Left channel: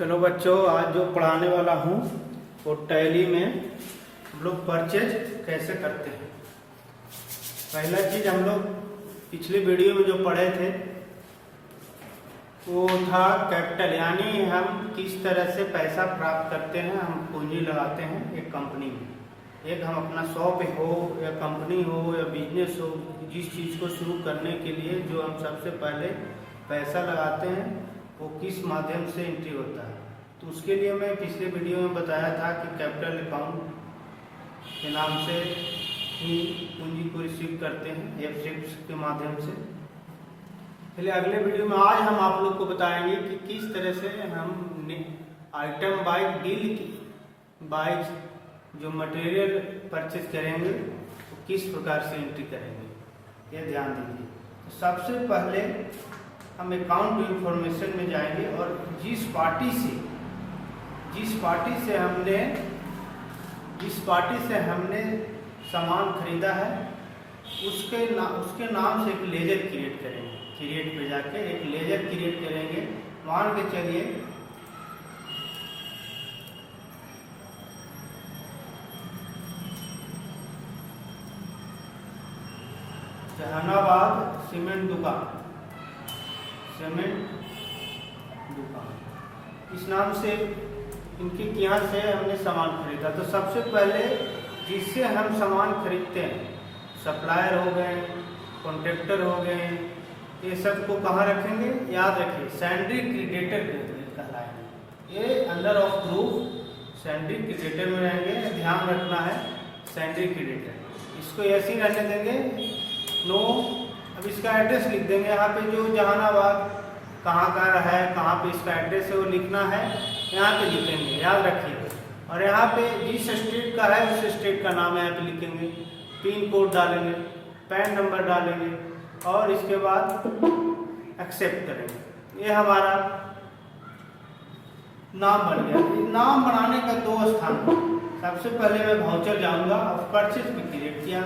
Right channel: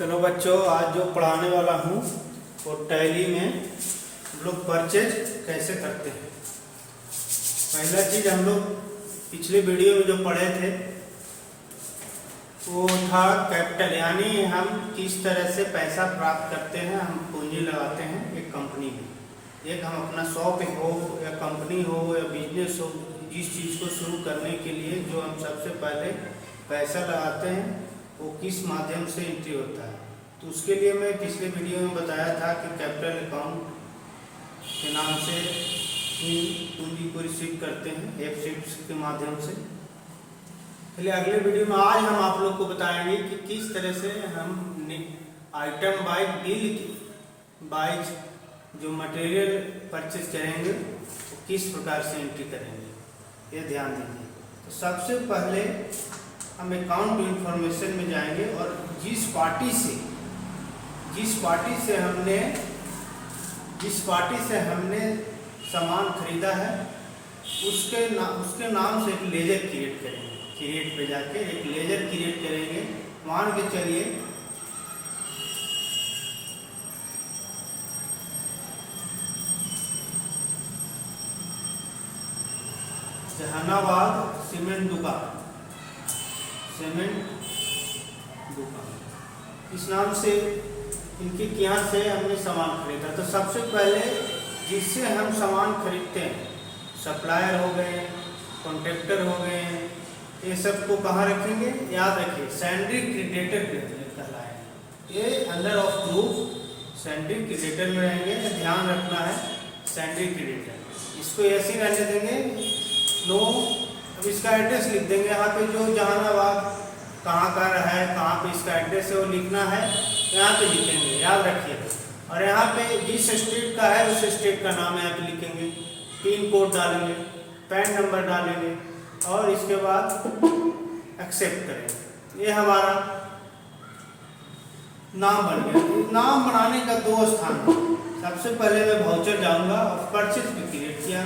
चलो बच्चों, आज जो पढ़ाने वाला हूँ वो टैली में हम लोग परचेज कैसे करते हैं। पहला चीज हम लोग पिछली वीडियो में जो पढ़े थे वो था कैपिटल, यानी हम किस तरह से पैसा प्राप्त करते हैं। हम पूंजी लगाते हैं एक कंपनी में, एक हम अपना शॉप हो या कंपनी हो या बिजनेस हो, जिस चीज़ को शुरू करने के लिए जो हम सबसे पहले पैसा लगाते हैं वो किस माध्यम से एंट्री होता है। तो उसके लिए मैं पिछले वीडियो में बताया था कि कैपिटल अकाउंट के नाम से ही पूंजी को रिसीव करते हैं एफसीट्स के माध्यम से। चलिए अगले वीडियो में आज हम आप लोग को बताएंगे कि किस तरह से हम आइटम बाय डील बाय जो मटेरियल परचेज करेंगे तो किस प्रकार से एंट्री करेंगे, ये ध्यान दीजिए। तो सबसे पहले हम अकाउंट इंफॉर्मेशन में जाएंगे और जिस पार्टी से हमने सामान खरीदा है उसके नाम से एक लेजर क्रिएट करेंगे। क्रिएट पे जाके एक लेजर क्रिएट करेंगे। मान के चलिए जहानाबाद सीमेंट दुकान, इस नाम से इनके यहाँ से हमने सामान खरीदा। तो सबसे पहले जिससे हम सामान खरीदते हैं, सप्लायर हो गए, कॉन्ट्रैक्टर हो गए, ये सब को कहाँ रखेंगे, याद रखिए सैंड्री क्रेडिटर कहलाएंगे। ये अंडर ऑफ ग्रुप सैंड्री क्रेडिटर में रहेंगे, ध्यान रखना है सैंड्री क्रेडिटर। इसको ऐसे ही रहने देंगे नो। अब इसका एड्रेस लिख देंगे यहाँ पे, जो जहानाबाद कहाँ का रहा है, कहाँ पे इसका एड्रेस है वो लिखना है, यहाँ पे लिखेंगे, याद रखिए। और यहाँ पे जिस स्टेट का है उस स्टेट का नाम यहाँ पे लिखेंगे, पिन कोड डालेंगे, पैन नंबर डालेंगे और इसके बाद एक्सेप्ट करेंगे। ये हमारा नाम बन गया। नाम बनाने का दो स्थान है। सबसे पहले मैं वाउचर जाऊँगा और परचेज भी क्रिएट किया।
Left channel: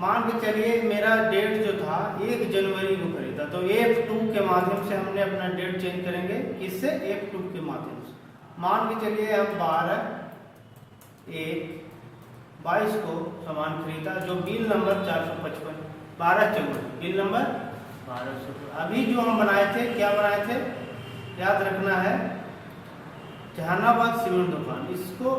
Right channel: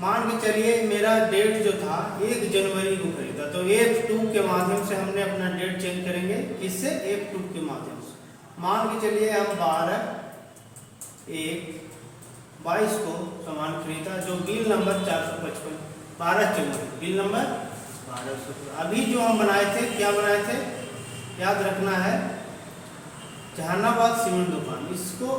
मान के चलिए मेरा डेट जो था 1 जनवरी को खरीदा, तो F2 के माध्यम से हमने अपना डेट चेंज करेंगे। इससे F2 के माध्यम से मान के चलिए हम 12/1/22 को सामान खरीदा, जो बिल नंबर 455 12 जनवरी, बिल नंबर 12। अभी जो हम बनाए थे, क्या बनाए थे, याद रखना है जहानाबाद सीमेंट दुकान। इसको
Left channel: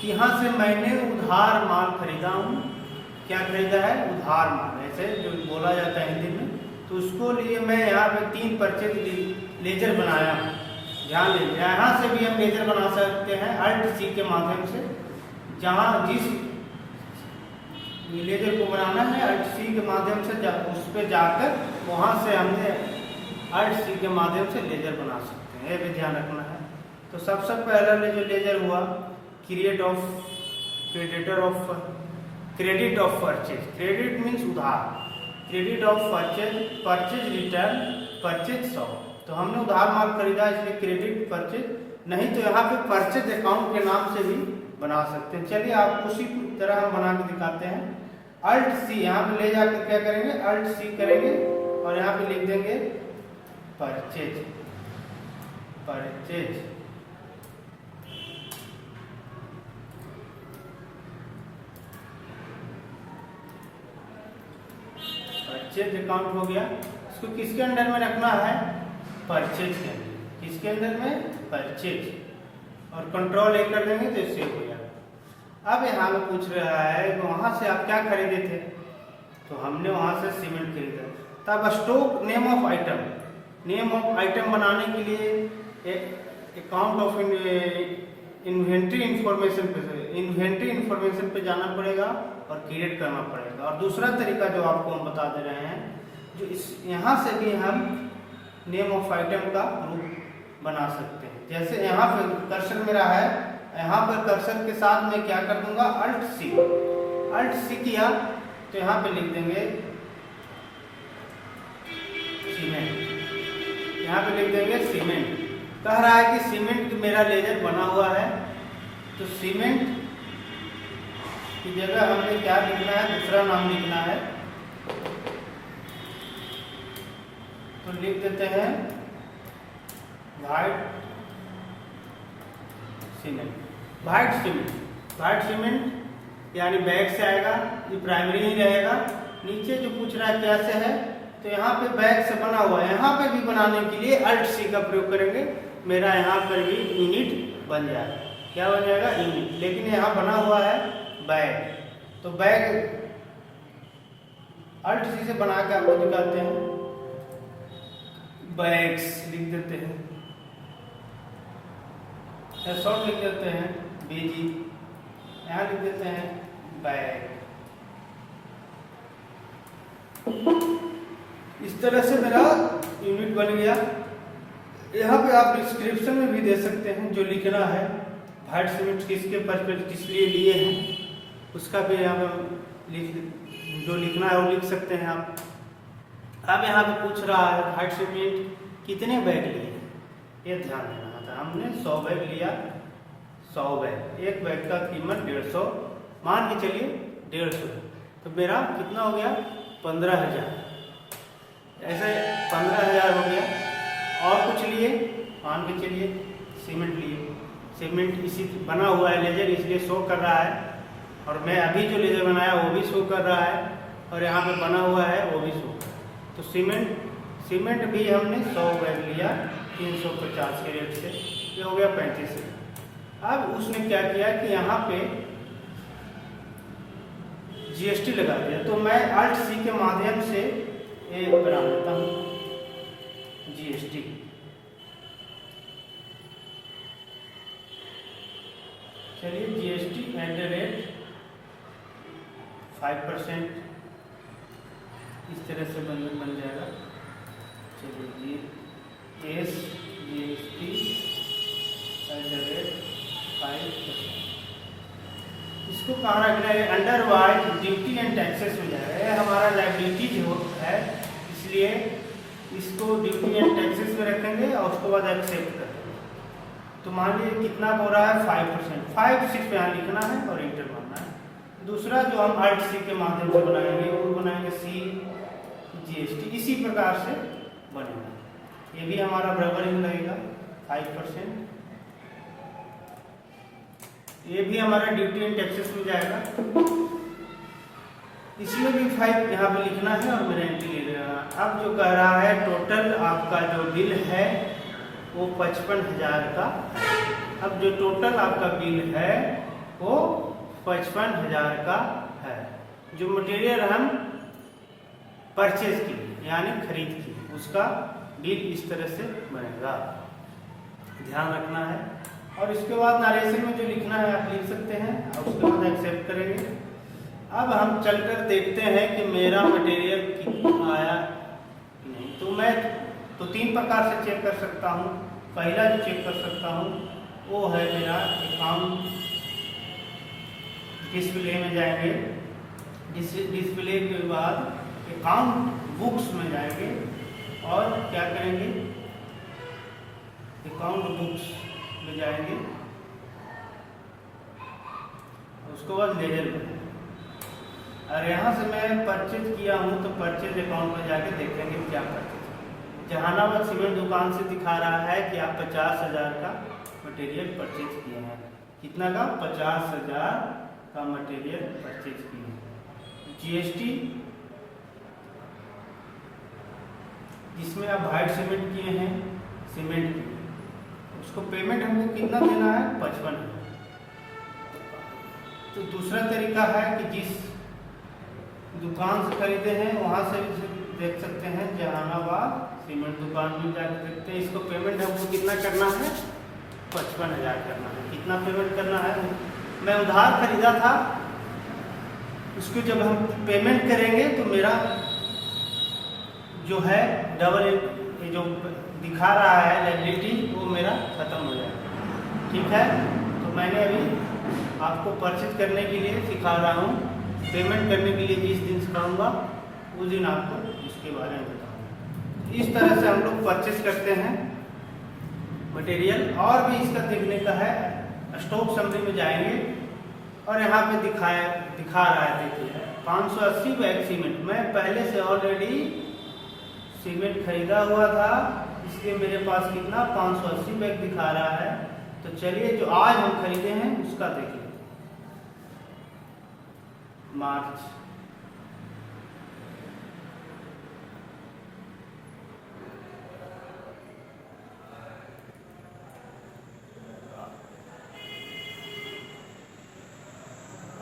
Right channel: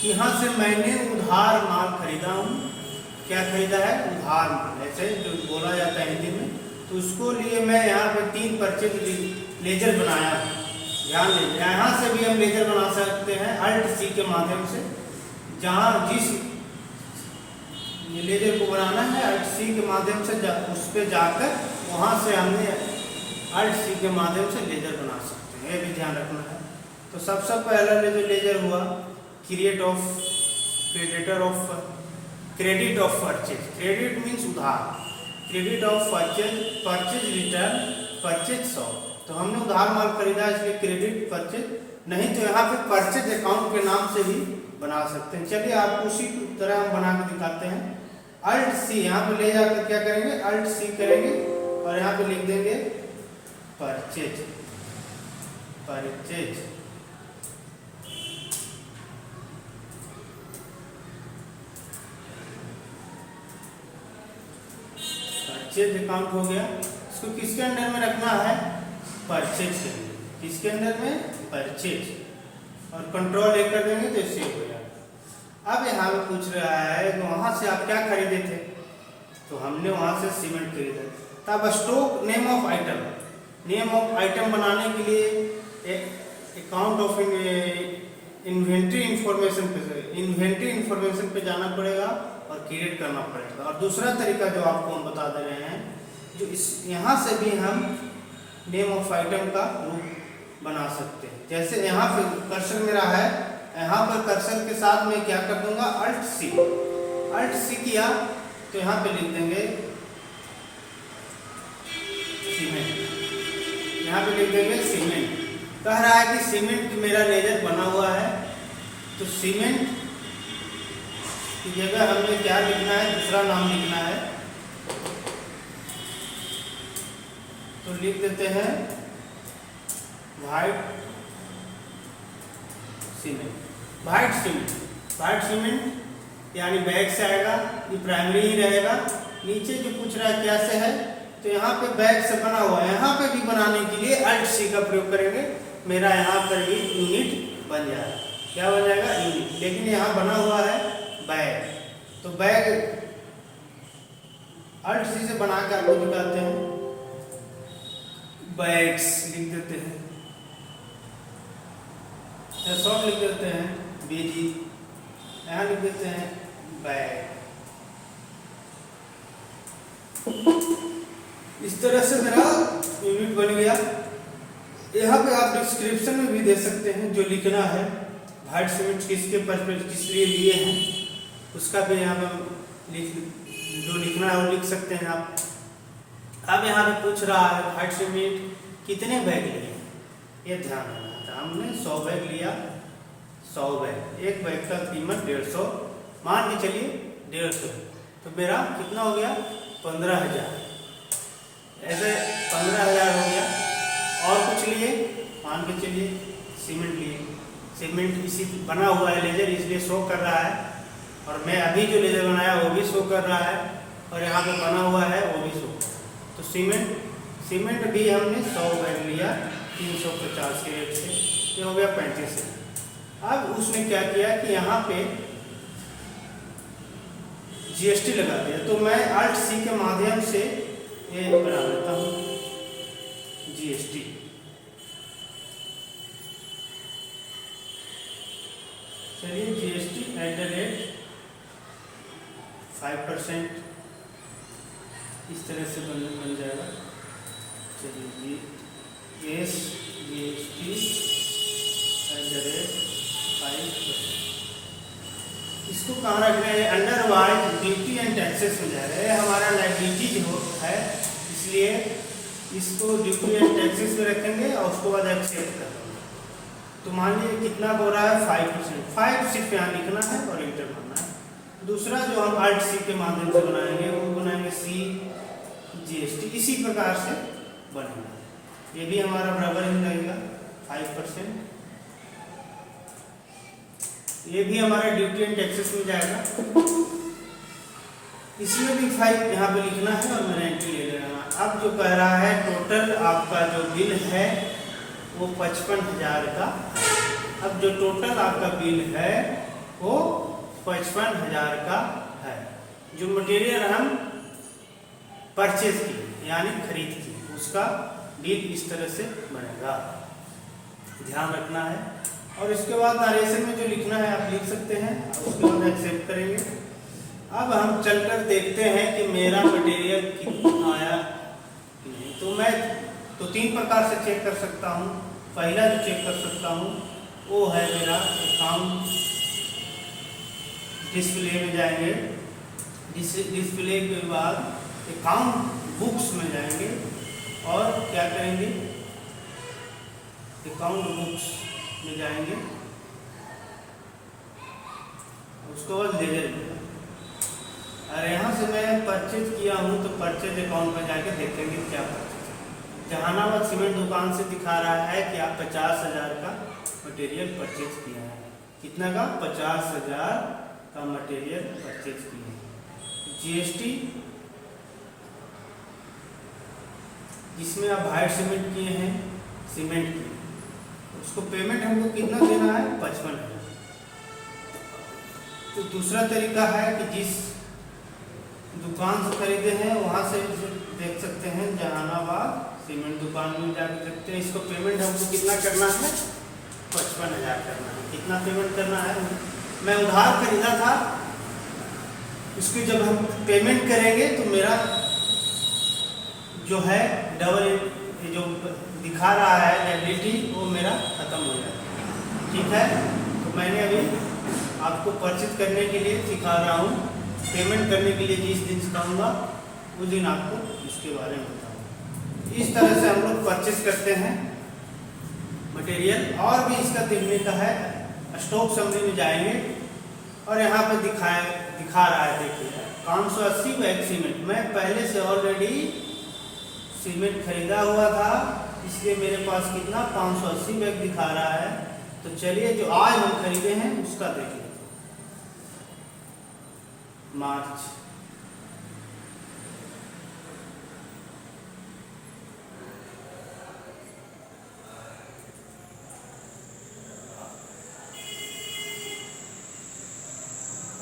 यहाँ से मैंने उधार माल खरीदा हूँ। क्या खरीदा है, उधार माल, ऐसे जो बोला जाता है हिंदी में। तो उसको लिए मैं यहाँ पे 3 परचेज लेजर बनाया हूँ। ध्यान दीजिए, यहाँ से भी हम लेजर बना सकते हैं Alt+C के माध्यम से। जहाँ जिस लेजर को बनाना है Alt+C के माध्यम से उस पर जाकर वहाँ से हमने Alt+C के माध्यम से लेजर बना सकते हैं, ये भी ध्यान रखना है। तो सबसे पहला जो लेजर हुआ credit of purchase. Credit means उधार, credit of purchase return purchase 100। तो हमने उधार माल खरीदा इसलिए क्रेडिट परचेज, नहीं तो यहाँ पे परचेज अकाउंट के नाम से भी बना सकते हैं। चलिए आपको उसी तरह हम बना के दिखाते हैं। Alt+C यहाँ पे ले जाकर क्या करेंगे, Alt+C करेंगे और यहाँ पे लिख देंगे परचेज। परचेज अकाउंट हो गया। इसको किसके अंडर में रखना है, परचेज के अंदर। किसके अंडर में, परचेज, और कंट्रोल कर देंगे तो सेव हो जाएगा। अब यहाँ पे पूछ रहा है कि वहाँ से आप क्या खरीदे थे, तो हमने वहाँ से सीमेंट खरीदा। तब स्टॉक नेम ऑफ आइटम बनाने के लिए एक अकाउंट ऑफ इन्वेंट्री इंफॉर्मेशन पे जाना पड़ेगा और क्रिएट करना पड़ेगा। और दूसरा तरीका जो आपको हम बता दे रहे हैं, जो इस यहाँ से भी हम नेम ऑफ आइटम का रूप बना सकते हैं। जैसे यहाँ पे कर्सर मेरा है, यहाँ पर कर्सर के साथ मैं क्या कर दूंगा, Alt+C किया तो यहाँ पे लिख देंगे सीमेंट। यहाँ पे लिख देंगे सीमेंट। कह रहा है कि सीमेंट मेरा लेजर बना हुआ है, तो सीमेंट की जगह हमें क्या लिखना है, दूसरा नाम लिखना है। तो लिख देते हैं व्हाइट सीमेंट यानी बैग से आएगा, ये प्राइमरी ही रहेगा। नीचे जो पूछ रहा है क्या से है, तो यहाँ पे बैग से बना हुआ है, यहाँ पे भी बनाने के लिए अल्ट सी का प्रयोग करेंगे। मेरा यहाँ पर भी यूनिट बन जाएगा। क्या बन जाएगा? यूनिट। लेकिन यहाँ बना हुआ है बैग, तो बैग अल्ट सी से बना के आपको दिखाते हैं। बैग्स लिख देते हैं, शॉर्ट लिख देते हैं बेजी, यहाँ लिख देते हैं बैग। इस तरह से मेरा यूनिट बन गया। यहाँ पे आप डिस्क्रिप्शन में भी दे सकते हैं जो लिखना है, व्हाइट सीमेंट किसके पर्पज किस लिए लिए हैं उसका भी यहाँ पे जो लिखना है वो लिख सकते हैं आप। अब यहाँ पे पूछ रहा है व्हाइट सीमेंट कितने बैग लिए, ये ध्यान देना था। हमने 100 बैग लिया, 100 बैग, एक बैग का कीमत 150, मान के चलिए 150, तो मेरा कितना हो गया? 15,000। ऐसे 15,000 हो गया। और कुछ लिए, मान के चलिए सीमेंट लिए, सीमेंट इसी बना हुआ है लेजर, इसलिए शो कर रहा है, और मैं अभी जो लेजर बनाया वो भी शो कर रहा है, और यहाँ पे बना हुआ है वो भी शो। तो सीमेंट भी हमने 100 बैग लिया 350 के रेट से, ये हो गया 35। अब उसने क्या किया कि यहाँ पे GST लगा दिया, तो मैं अल्ट सी के माध्यम से ये बना देता हूँ GST। चलिए GST @5% इस तरह से बन जाएगा। चलिए GST @5%, इसको कहाँ रखना है? Under wise duty and taxes हो जाएगा। ये हमारा लायबिलिटी जो है, इसलिए इसको ड्यूटी एंड टैक्सेस में रखेंगे और उसके बाद एक्सेप्ट कर देंगे। तो मान लीजिए कितना हो रहा है? 5%। 5 सिर्फ यहाँ लिखना है और इंटर करना है। दूसरा जो हम अल्ट सी के माध्यम से बनाएंगे वो बनाएंगे CGST, इसी प्रकार से बनेगा। ये भी हमारा बराबर ही रहेगा 5%। ये भी हमारा ड्यूटी एंड टैक्सेस में जाएगा, इसमें भी 5 यहाँ पे लिखना है और मैंने एंट्री ले लेना। अब जो कह रहा है टोटल आपका जो बिल है वो 55,000 का। अब जो टोटल आपका बिल है वो 55,000 का है। जो मटेरियल हम परचेज किए यानी खरीद किए, उसका बिल इस तरह से बनेगा, ध्यान रखना है। और इसके बाद नरेशन में जो लिखना है आप लिख सकते हैं, और उसके बाद एक्सेप्ट करेंगे। अब हम चलकर देखते हैं कि मेरा मटेरियल कितना आया कि नहीं। तो मैं 3 प्रकार से चेक कर सकता हूँ। पहला जो चेक कर सकता हूँ वो है मेरा अकाउंट डिस्प्ले में जाएंगे, डिस्प्ले के बाद अकाउंट बुक्स में जाएंगे और क्या करेंगे? अकाउंट बुक्स में जाएंगे, उसके बाद लेजर में। और यहाँ से मैं परचेज किया हूँ तो परचेज अकाउंट में जाके देखेंगे क्या परचेज। जहानाबाद सीमेंट दुकान से दिखा रहा है कि आप 50,000 का मटेरियल परचेज किए हैं। कितना का? 50,000 का मटेरियल परचेज किए हैं। GST जिसमें आप व्हाइट सीमेंट किए हैं, सीमेंट की, उसको पेमेंट हमको कितना देना है? 55। तो दूसरा तरीका है कि जिस दुकान से खरीदे हैं वहाँ से देख सकते हैं, जहानाबाद सीमेंट दुकान में जाकर देखते हैं। इसको पेमेंट हमको कितना करना है? 55,000 करना है। कितना पेमेंट करना है? मैं उधार खरीदा था, उसकी जब हम पेमेंट करेंगे तो मेरा जो है डबल जो दिखा रहा है लायबिलिटी वो मेरा खत्म हो जाएगा। ठीक है, तो मैंने अभी आपको परचेज करने के लिए सिखा रहा हूँ। पेमेंट करने के लिए जिस दिन सिखाऊंगा उस दिन आपको इसके बारे में बताऊँगा। इस तरह से हम लोग परचेज करते हैं मटेरियल। और भी इसका देखने का है, स्टॉक समरी में जाएंगे और यहाँ पे दिखा रहा है, देखिए 580 बैग सीमेंट मैं पहले से ऑलरेडी सीमेंट खरीदा हुआ था, इसलिए मेरे पास कितना 580 बैग दिखा रहा है। तो चलिए जो आज हम खरीदे हैं उसका देख लेते हैं। मार्च,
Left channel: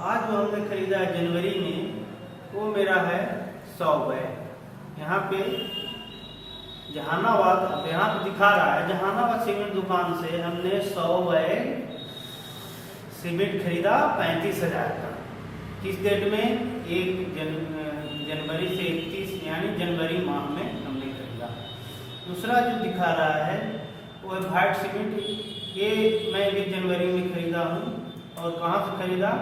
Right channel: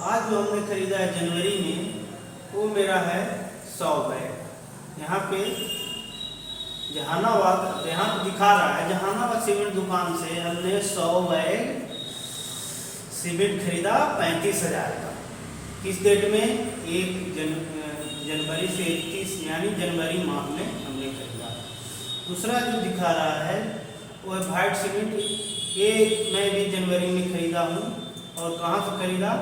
आज जो हमने खरीदा है जनवरी में, वो मेरा है 100 बैग। यहाँ पे जहानाबाद, यहाँ पे दिखा रहा है जहानाबाद सीमेंट दुकान से हमने 100 बैग सीमेंट खरीदा 35,000 का। किस डेट में? 1 जनवरी से 31 यानी जनवरी माह में हमने खरीदा। दूसरा जो दिखा रहा है वो है व्हाइट सीमेंट, ये मैं भी जनवरी में खरीदा हूँ। और कहाँ से खरीदा?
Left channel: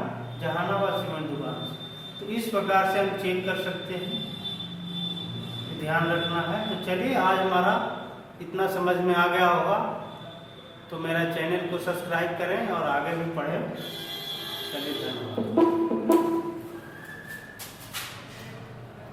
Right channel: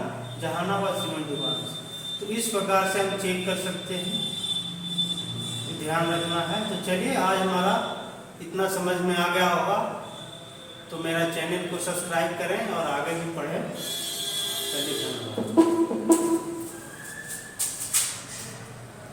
जहानाबाद सीमेंट दुकान से। तो इस प्रकार से हम चेक कर सकते हैं, ध्यान रखना है। तो चलिए आज हमारा इतना समझ में आ गया होगा, तो मेरा चैनल को सब्सक्राइब करें और आगे भी पढ़ें। चलिए धन्यवाद।